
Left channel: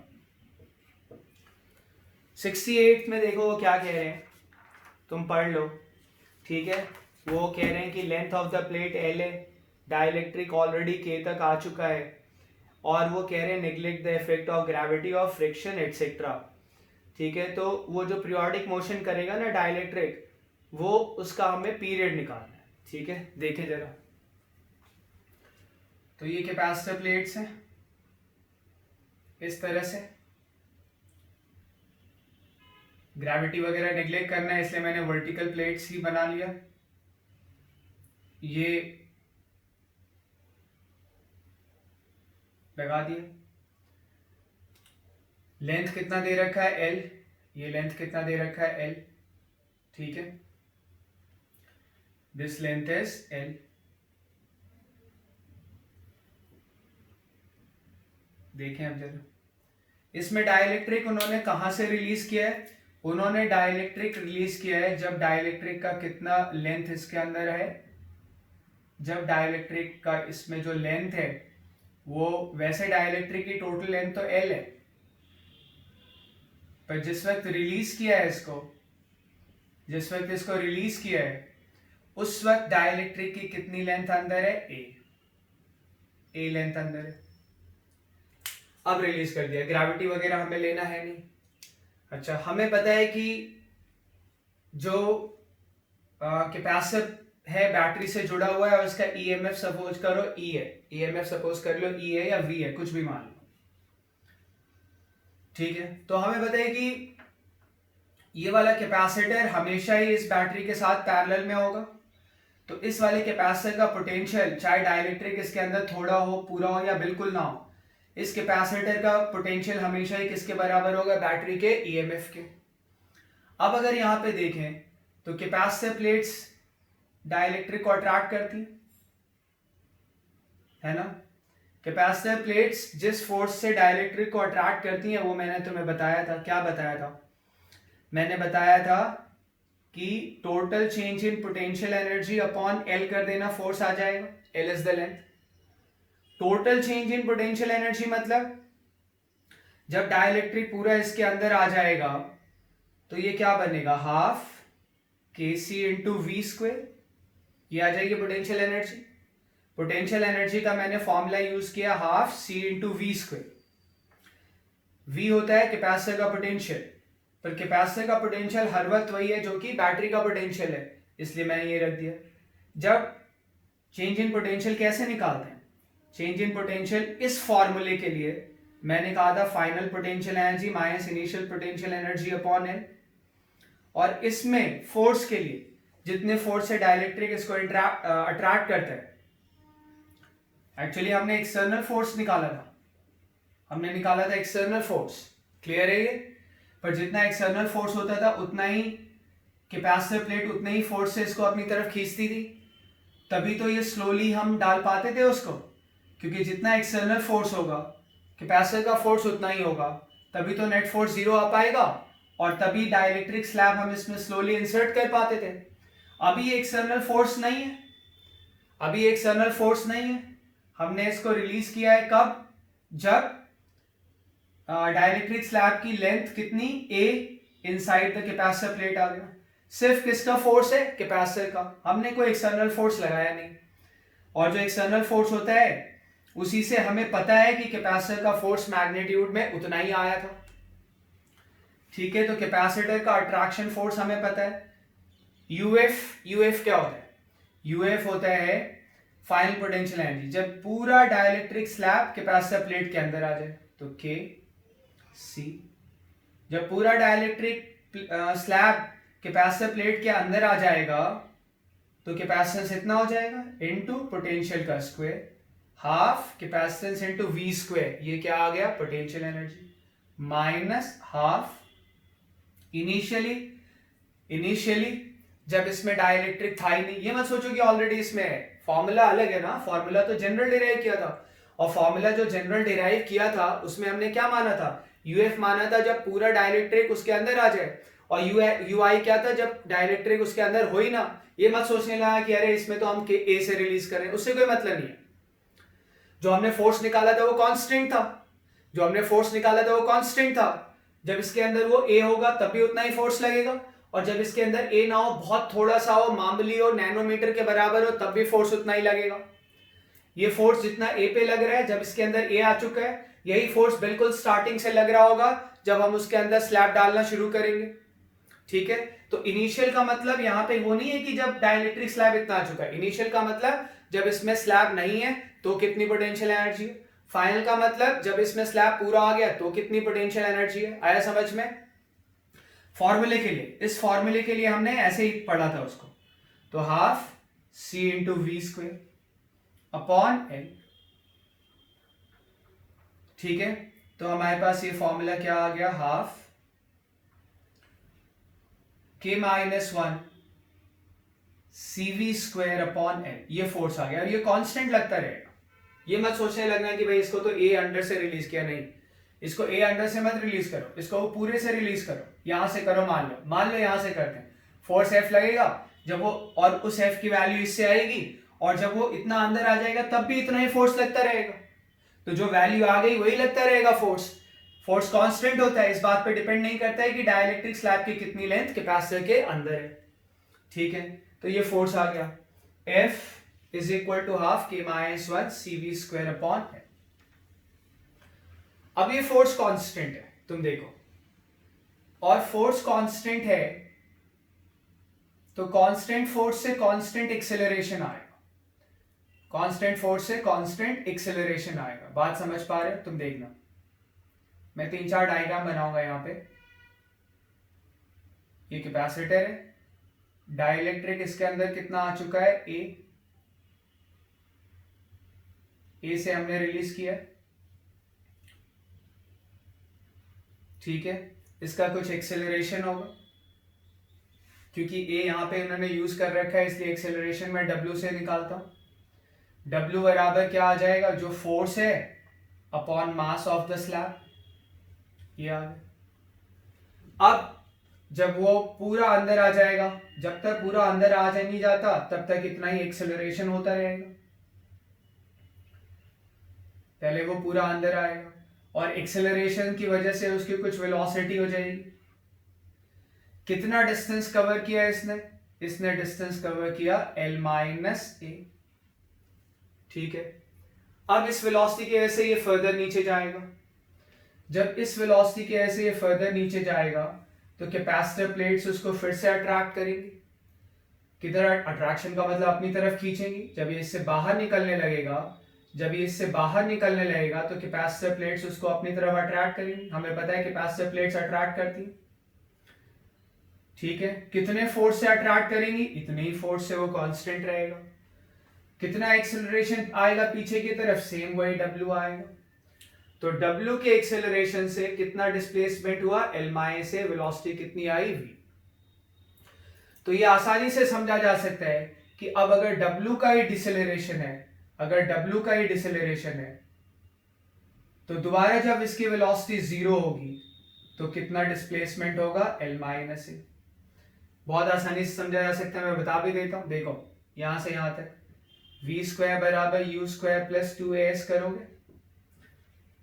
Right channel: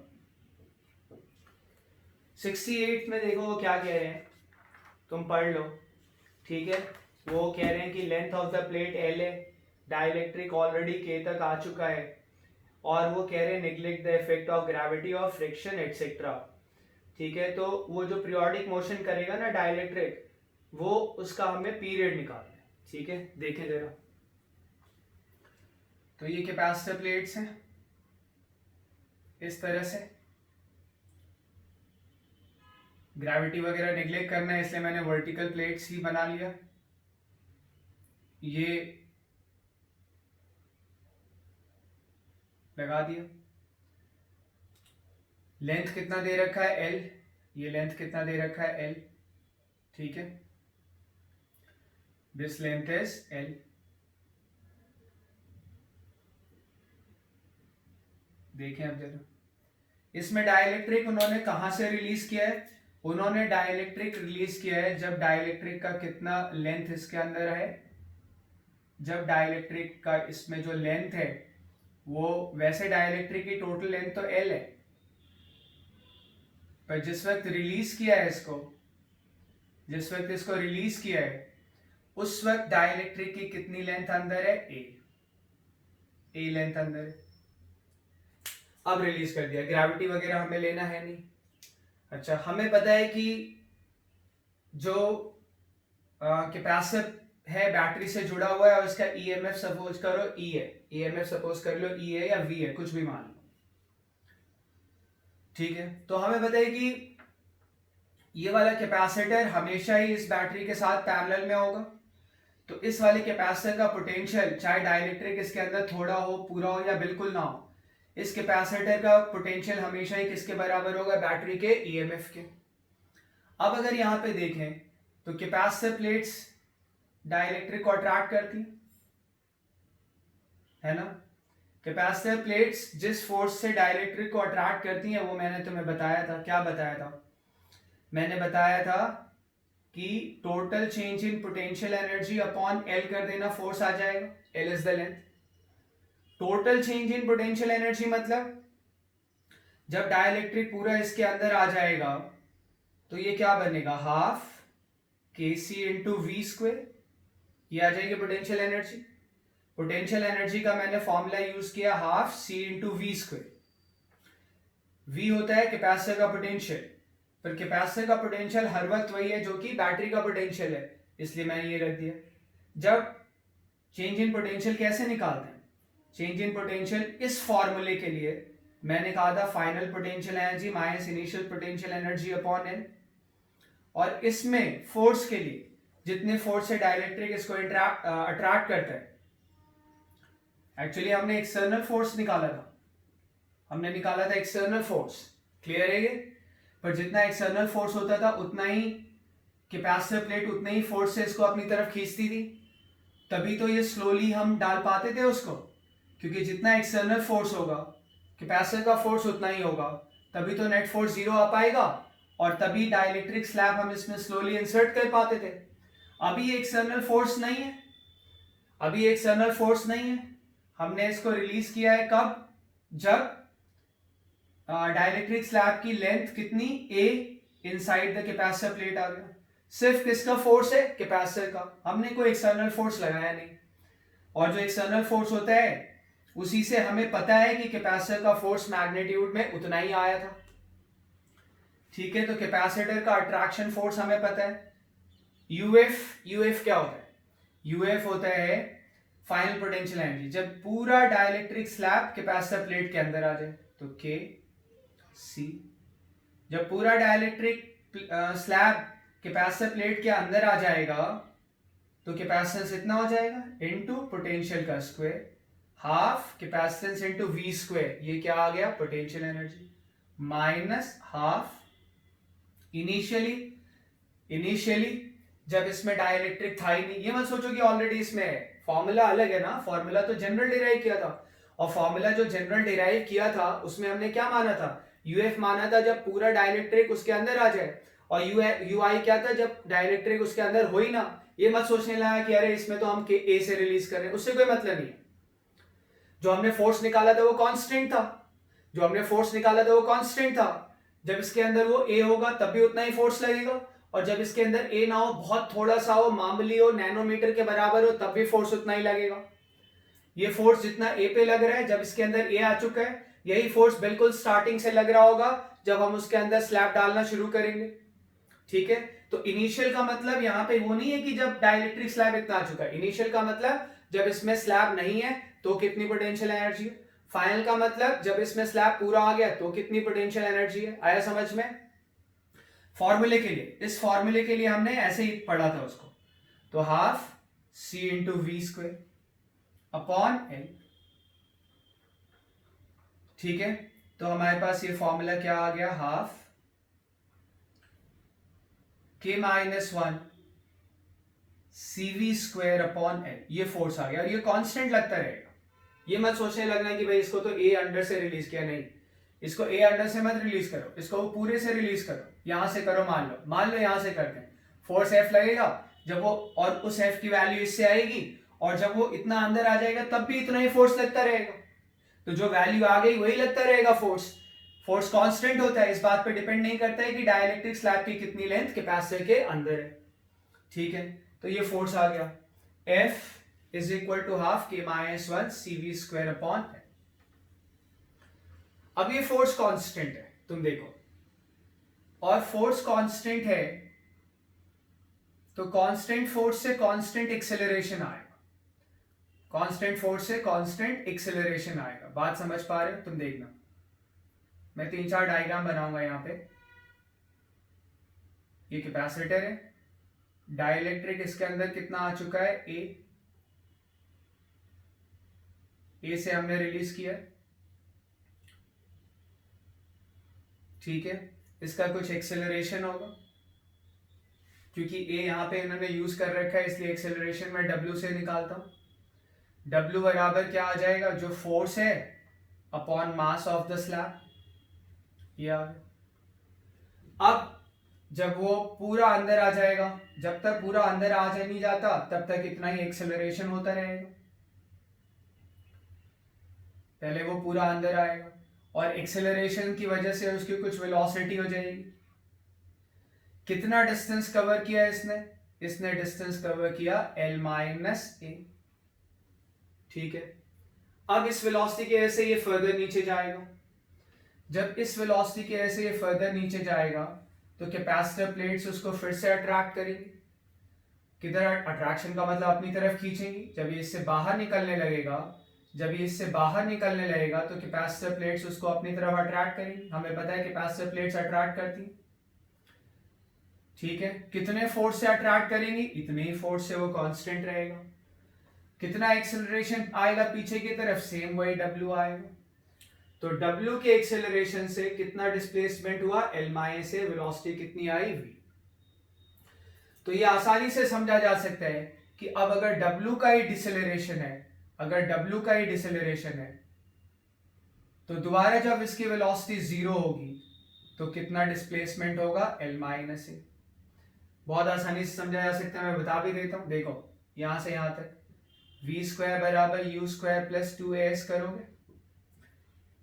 68 में देखो वो क्या कह रहे हैं, तुम पढ़ लो, ठीक है। वो कह रहे हैं कि length of the plate L है, डाइलेक्ट्रिक ऑलरेडी K तक आ चुका है, और वो कह रहे हैं neglect the effect of gravity of friction etcetera. ठीक है, तो वो जो पीरियोडिक मोशन करेगा ना डाइलेक्ट्रिक, वो उसका हमें पीरियड निकालना है। ठीक है, देखें जरा। तो ये कैपेसिटर प्लेट्स हैं इस तरह से, ग्रेविटी वगैरह नेग्लेक्ट करना है इसलिए मैंने वर्टिकल प्लेट्स ही बना लिया। ये लगा दिया। लेंथ कितना दे रखा है L, ये लेंथ कितना दे रखा है L। ठीक है, दिस लेंथ इज L। देखें अब जरा, इसमें डाइलेक्ट्रिक उन्होंने कहां से रिलीज किया है? उन्होंने डाइलेक्ट्रिक रिलीज किया है जब डाइलेक्ट्रिक का कितना लेंथ इसके अंदर है, जब डाइलेक्ट्रिक का इसमें जो लेंथ है वो, वैसे डाइलेक्ट्रिक की टोटल लेंथ तो L है, पर जिस वक्त रिलीज किया है इसको, जिस वक्त इसको रिलीज किया है उस वक्त डाइलेक्ट्रिक की कितनी लेंथ अंदर है? A लेंथ अंदर है। अब रिलीज कर दिया, ग्रेविटी वगैरह हमें लेना है नहीं। अच्छा, हमें पता है कि जो कैपेसिटर है बैटरी से जुड़ा हुआ है और उसका ईएमएफ सपोज करो E है, ईएमएफ सपोज कर लो E है या V है, कुछ भी मान लो। ठीक है, तो हमें पता है कि ये वाला कैपेसिटर हमेशा ही इस बैटरी के साथ पैरेलल में होगा। तो इस वाले कैपेसिटर का पोटेंशियल, चाहे डाइलेक्ट्रिक इसके अंदर थोड़ा हो, पूरा हो या बिल्कुल ना हो, इस कैपेसिटर का पोटेंशियल हमेशा ही किसके बराबर होगा? बैटरी के ईएमएफ के। अब अगर यहां पे देखें तो कैपेसिटर प्लेट्स डाइलेक्ट्रिक को अट्रैक्ट करती है ना। कैपेसिटर प्लेट्स जिस फोर्स से डाइलेक्ट्रिक को अट्रैक्ट करती हैं वो मैंने तुम्हें बताया था। क्या बताया था? मैंने बताया था कि total change in potential energy upon L कर देना, फोर्स आ जाएगा, L is the length. Total change in potential energy मतलब जब डाइलेक्ट्रिक पूरा इसके अंदर आ जाएगा तो ये क्या बनेगा? Half kc into V square, ये आ जाएगी पोटेंशियल एनर्जी। पोटेंशियल एनर्जी का मैंने फॉर्मूला यूज किया half c into V square. v होता है कैपेसिटर का पोटेंशियल, पर कैपेसिटर का पोटेंशियल हर वक्त वही है जो कि बैटरी का पोटेंशियल है, इसलिए मैंने ये रख दिया। जब चेंज इन पोटेंशियल कैसे निकालते हैं? चेंज इन पोटेंशियल इस फॉर्मूले के लिए मैंने कहा था final potential energy minus initial potential energy upon L, और इसमें फोर्स के लिए जितने फोर्स से डाइलेक्ट्रिक इसको अट्रैक्ट करता है, एक्चुअली हमने एक्सटर्नल फोर्स निकाला था, हमने निकाला था एक्सटर्नल फोर्स, क्लियर है ये। पर जितना एक्सटर्नल फोर्स होता था उतना ही कैपेसिटर प्लेट उतना ही फोर्स से इसको अपनी तरफ खींचती थी, तभी तो ये स्लोली हम डाल पाते थे उसको, क्योंकि जितना एक्सटर्नल फोर्स होगा कैपेसिटर का फोर्स उतना ही होगा, तभी तो नेट फोर्स 0 आ पाएगा और तभी डाइलेक्ट्रिक स्लैब हम इसमें स्लोली इंसर्ट कर पाते थे। अभी ये एक्सटर्नल फोर्स नहीं है, अभी एक्सटर्नल फोर्स नहीं है, हमने इसको रिलीज किया है कब? जब डाइलेक्ट्रिक स्लैब की लेंथ कितनी? A inside the capacitor plate आ गया। सिर्फ किसका फोर्स है? कैपेसिटर का, हमने कोई एक्सटर्नल फोर्स लगाया नहीं। और जो एक्सटर्नल फोर्स होता है उसी से हमें पता है कि कैपेसिटर का फोर्स मैग्नीट्यूड में उतना ही आया था। ठीक है, तो कैपेसिटर का अट्रैक्शन फोर्स हमें पता है UF क्या होता है? UF होता है फाइनल पोटेंशियल एनर्जी जब पूरा डाइलेक्ट्रिक स्लैब कैपेसिटर प्लेट के अंदर आ जाए, तो KC। जब पूरा डाइलेक्ट्रिक स्लैब कैपेसिटर प्लेट के अंदर आ जाएगा तो कैपेसिटेंस इतना हो जाएगा इनटू पोटेंशियल का square, half capacitance into V square, ये क्या आ गया? Potential energy, minus half initially जब इसमें डाइलेक्ट्रिक था ही नहीं। ये मत सोचो कि ऑलरेडी इसमें है, फॉर्मूला अलग है ना, फॉर्मूला तो जनरल डिराइव किया था, और फॉर्मूला जो जनरल डिराइव किया था उसमें हमने क्या माना था? UF माना था जब पूरा डाइलेक्ट्रिक उसके अंदर आ जाए, और UI क्या था? जब डाइलेक्ट्रिक उसके अंदर हो ही ना। ये मत सोचने लगा कि अरे इसमें तो हम A से रिलीज कर रहे हैं, उससे कोई मतलब नहीं है। जो हमने फोर्स निकाला था वो कांस्टेंट था, जो हमने फोर्स निकाला था वो कांस्टेंट था। जब इसके अंदर वो A होगा तब भी उतना ही फोर्स लगेगा, और जब इसके अंदर A ना हो, बहुत थोड़ा सा हो, मामूली हो, नैनोमीटर के बराबर हो, तब भी फोर्स उतना ही लगेगा। ये फोर्स जितना ए पे लग रहा है जब इसके अंदर ए आ चुका है, यही फोर्स बिल्कुल स्टार्टिंग से लग रहा होगा जब हम उसके अंदर स्लैब डालना शुरू करेंगे। ठीक है, तो इनिशियल का मतलब यहाँ पे वो नहीं है कि जब डाइलेक्ट्रिक स्लैब इतना आ चुका है। इनिशियल का मतलब जब इसमें स्लैब नहीं है तो कितनी पोटेंशियल एनर्जी है। फाइनल का मतलब जब इसमें स्लैब पूरा आ गया तो कितनी पोटेंशियल एनर्जी है। आया समझ में? फॉर्मूले के लिए, इस फॉर्मूले के लिए हमने ऐसे ही पढ़ा था उसको, तो half C into V square upon L. ठीक है, तो हमारे पास ये फॉर्मूला क्या आ गया, हाफ के minus one C V square upon L. ये फोर्स आ गया और ये कांस्टेंट लगता रहेगा। ये मत सोचने लगना कि भाई इसको तो ए अंडर से रिलीज किया, नहीं, इसको ए अंडर से मत रिलीज करो, इसको पूरे से रिलीज करो। यहां से करो, मान लो यहां से करते हैं, फोर्स एफ लगेगा जब वो, और उस एफ की वैल्यू इससे आएगी, और जब वो इतना अंदर आ जाएगा तब भी इतना ही फोर्स लगता रहेगा। तो जो वैल्यू आ गई वही लगता रहेगा फोर्स। फोर्स कांस्टेंट होता है, इस बात पे डिपेंड नहीं करता है कि डाइलेक्ट्रिक स्लैब की कितनी लेंथ कैपेसिटर के अंदर है। ठीक है, तो ये फोर्स आ गया, F is equal to half के minus one C V square upon. अब ये फोर्स कांस्टेंट है, तुम देखो, और फोर्स कांस्टेंट है तो कांस्टेंट फोर्स से कांस्टेंट एक्सेलरेशन आएगा, कांस्टेंट फोर्स से कांस्टेंट एक्सेलरेशन आएगा। बात समझ पा रहे हो? तुम देखना, मैं 3-4 डायग्राम बनाऊंगा यहां पे। ये कैपेसिटर है, डाइलेक्ट्रिक इसके अंदर कितना आ चुका है, ए से हमने रिलीज किया। ठीक है, इसका कुछ एक्सेलरेशन होगा, क्योंकि ए यहां पे इन्होंने यूज कर रखा है, इसलिए एक्सेलरेशन मैं डब्ल्यू से निकालता हूं। डब्ल्यू बराबर क्या आ जाएगा, जो फोर्स है upon mass of the slab, ये आ गया। अब जब वो पूरा अंदर आ जाएगा, जब तक पूरा अंदर आ नहीं जाता तब तक इतना ही एक्सेलरेशन होता रहेगा। पहले वो पूरा अंदर आएगा और एक्सेलरेशन की वजह से उसकी कुछ वेलोसिटी हो जाएगी। कितना डिस्टेंस कवर किया इसने डिस्टेंस कवर किया L माइनस ए। ठीक है, अब इस वेलोसिटी की वजह से ये फर्दर नीचे जाएगा। जब इस वेलोसिटी की वजह से ये फर्दर नीचे जाएगा तो कैपेसिटर प्लेट्स उसको फिर से अट्रैक्ट करेंगी। किधर अट्रैक्शन का मतलब अपनी तरफ खींचेंगी। जब ये इससे बाहर निकलने लगेगा, तो कैपेसिटर प्लेट्स उसको अपनी तरफ अट्रैक्ट करेंगी। हमें पता है कैपेसिटर प्लेट्स अट्रैक्ट करती हैं। ठीक है, कितने फोर्स से अट्रैक्ट करेंगी, इतने ही फोर्स से वो कांस्टेंट रहेगा। कितना एक्सेलरेशन आएगा पीछे की तरफ, सेम वही W आएगा। तो W के एक्सेलरेशन से कितना डिस्प्लेसमेंट हुआ, L माइनस ए, वेलोसिटी कितनी आई, V। तो ये आसानी से समझा जा सकता है कि अब अगर W का ही डिसेलरेशन है, तो दोबारा जब इसकी वेलोसिटी 0 होगी तो कितना डिस्प्लेसमेंट होगा, L माइनस ए। बहुत आसानी से समझा जा सकता है, मैं बता भी देता हूं। देखो, यहां से यहां तक v स्क्वायर बराबर यू स्क्वायर प्लस 2as करोगे,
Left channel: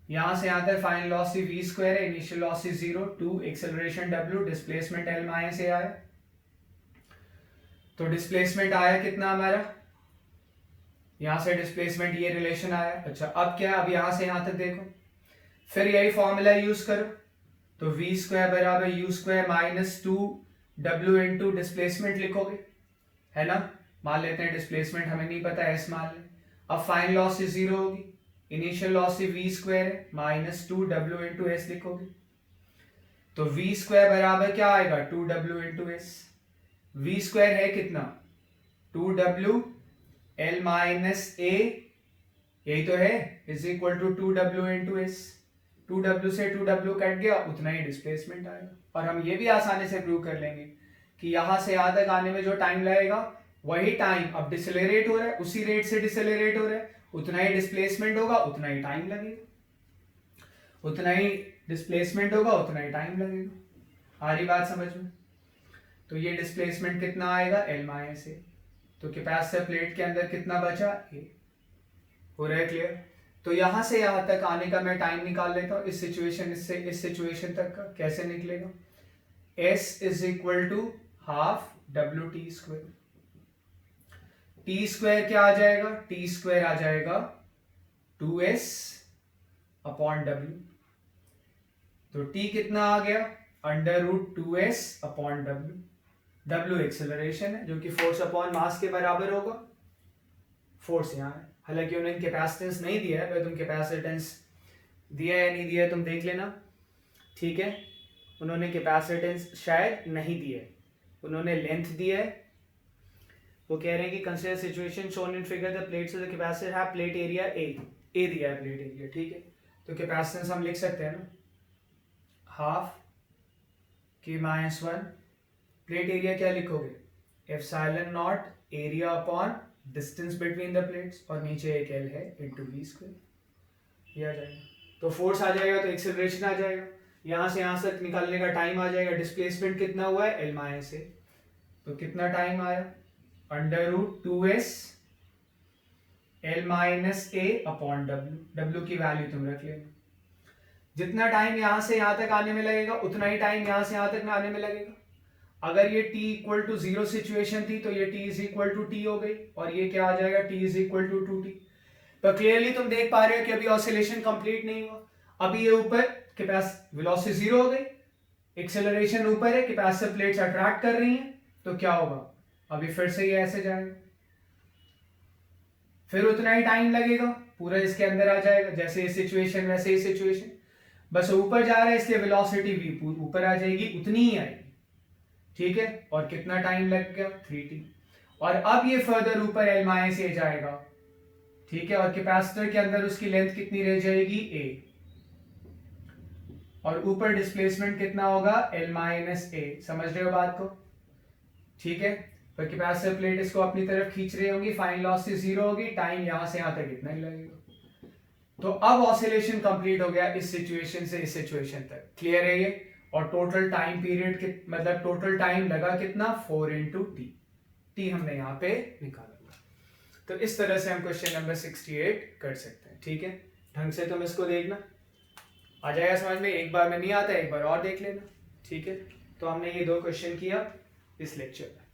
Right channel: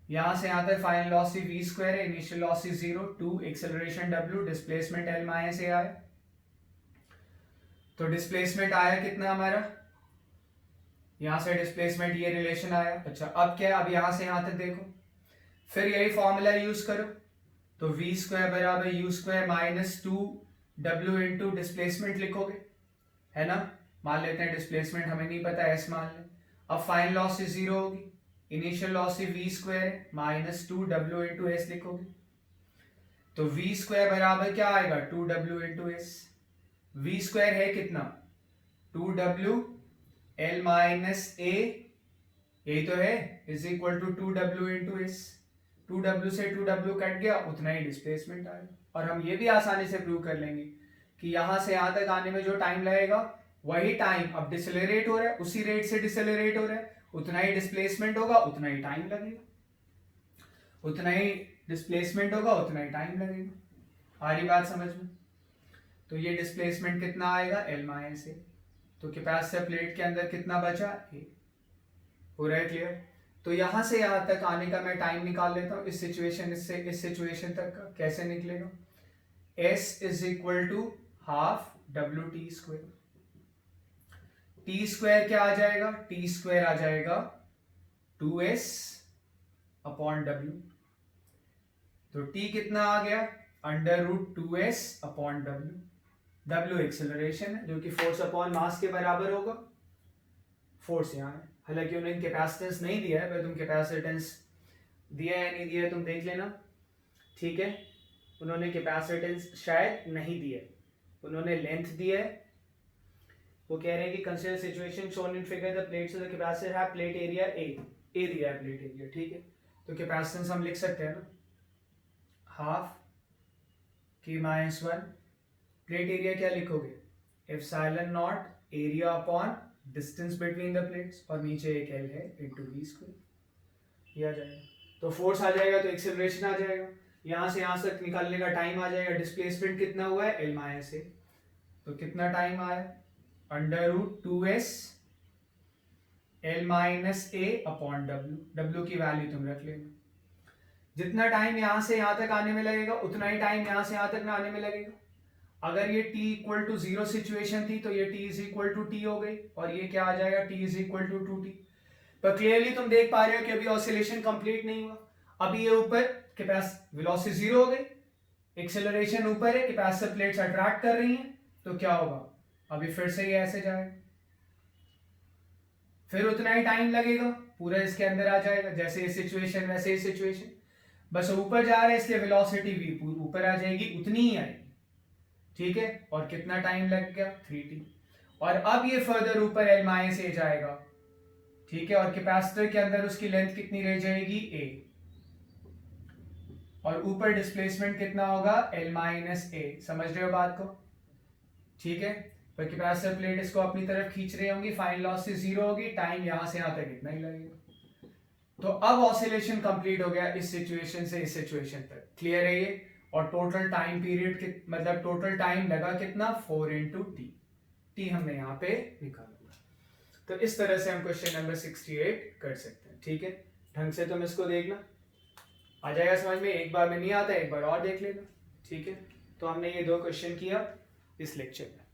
यहां से यहां तक फाइनल वेलोसिटी v स्क्वायर है, initial velocity 0, 2 acceleration w, displacement L minus a आया। तो डिस्प्लेसमेंट आया कितना हमारा, यहां से डिस्प्लेसमेंट ये रिलेशन आया। अच्छा, अब क्या, अब यहां से यहां तक देखो, फिर यही फॉर्मूला यूज करो, तो v स्क्वायर बराबर u square minus 2w into displacement लिखोगे, है ना। मान लेते हैं डिस्प्लेसमेंट हमें नहीं पता, s मान लें। अब फाइनल वेलोसिटी 0 होगी, इनिशियल वेलोसिटी v स्क्वायर है माइनस 2w इंटू एस लिखोगे, तो v स्क्वायर बराबर क्या आएगा, 2w into S. v square है कितना, 2w, L माइनस ए, यही तो है, is equal to 2w into S. 2w से 2w कट गया, उतना ही डिस्प्लेसमेंट आएगा। और हम ये भी आसानी से प्रूव कर लेंगे कि यहां से यहां तक आने में जो टाइम लगेगा वही टाइम अब डिसेलरेट हो रहा है, उसी रेट से डिसेलरेट हो रहा है, उतना ही डिस्प्लेसमेंट होगा, उतना ही टाइम लगेगा, उतना ही डिस्प्लेसमेंट होगा, उतना ही टाइम लगेगा। आ रही बात समझ में? तो ये डिस्प्लेसमेंट कितना आएगा, L माइनस ए। तो कैपेसिटर प्लेट के अंदर कितना बचा, ए। हो रहा है क्लियर? तो यहां से यहां तक आने का मैं टाइम निकाल लेता हूं, इस सिचुएशन से इस सिचुएशन तक का कैसे निकलेगा, S is equal to half W t square. T square क्या आ जाएगा, टी स्क्वायर आ जाएगा 2s अपॉन डब्ल्यू। तो टी कितना आ गया, under root 2s upon W. W acceleration है जो कि फोर्स अपॉन मास के बराबर होगा। फोर्स यहाँ है, हालांकि उन्होंने कैपेसिटेंस नहीं दिया है, पर तुम कैपेसिटेंस दिया है नहीं दिया तुम देख लेना, ठीक है। उन्होंने कैपेसिटेंस शायद नहीं दिया है, उन्होंने लेंथ दिया है। वो कह रहे हैं कि consider situation shown in figure the plates of the capacitor have plate area A दिया है प्लेट एरिया, ठीक है। तो कैपेसिटेंस हम लिख सकते हैं ना, हाफ के माइनस 1, प्लेट एरिया क्या लिखोगे, epsilon naught area upon distance between the plates, और नीचे एक एल है इंटू वी स्क्वायर, ये आ जाएगा। तो फोर्स आ जाएगा तो एक्सेलरेशन आ जाएगा, यहाँ से यहाँ तक निकालने का टाइम आ जाएगा। डिस्प्लेसमेंट कितना हुआ है, एल माइनस ए, तो कितना टाइम आया, under root 2s L minus a upon W. डब्ल्यू की वैल्यू तुम रख लेना। जितना टाइम यहाँ से यहाँ तक आने में लगेगा उतना ही टाइम यहाँ से यहाँ तक आने में लगेगा। अगर ये t इक्वल टू 0 सिचुएशन थी तो ये t is equal to T हो गई, और ये क्या आ जाएगा, t is equal to 2t। पर क्लियरली तुम देख पा रहे हो कि अभी ऑसिलेशन कंप्लीट नहीं हुआ। अभी ये ऊपर वेलोसिटी 0 हो गई, एक्सेलरेशन ऊपर है, कैपेसिटर प्लेट्स अट्रैक्ट कर रही हैं, तो क्या होगा, अभी फिर से ये ऐसे जाएगा, फिर उतना ही टाइम लगेगा, पूरा इसके अंदर आ जाएगा, जैसे ये सिचुएशन वैसे ही सिचुएशन, बस ऊपर जा रहे हैं इसलिए वेलोसिटी v ऊपर आ जाएगी, उतनी ही आएगी, ठीक है। और कितना टाइम लग गया, 3t। और अब ये फर्दर ऊपर l माइनस ए जाएगा, ठीक है, और कैपेसिटर के अंदर उसकी लेंथ कितनी रह जाएगी, a, और ऊपर डिस्प्लेसमेंट कितना होगा, l माइनस ए। समझ रहे हो बात को, ठीक है। तो कैपेसिटर प्लेट इसको अपनी तरफ खींच रही होंगी, फाइनल वेलोसिटी 0 होगी, टाइम यहां से यहां तक इतना ही लगेगा। तो अब ऑसिलेशन कंप्लीट हो गया इस सिचुएशन से इस सिचुएशन तक, क्लियर है ये। और टोटल टाइम पीरियड मतलब टोटल टाइम लगा कितना, 4 इंटू टी हमने यहाँ पे निकाला। तो इस तरह से हम क्वेश्चन नंबर 68 कर सकते हैं, ठीक है। ढंग से तुम इसको देखना, आ जाएगा समझ में। एक बार में नहीं आता, एक बार और देख लेना, ठीक है। तो हमने ये 2 क्वेश्चन किया इस लेक्चर में।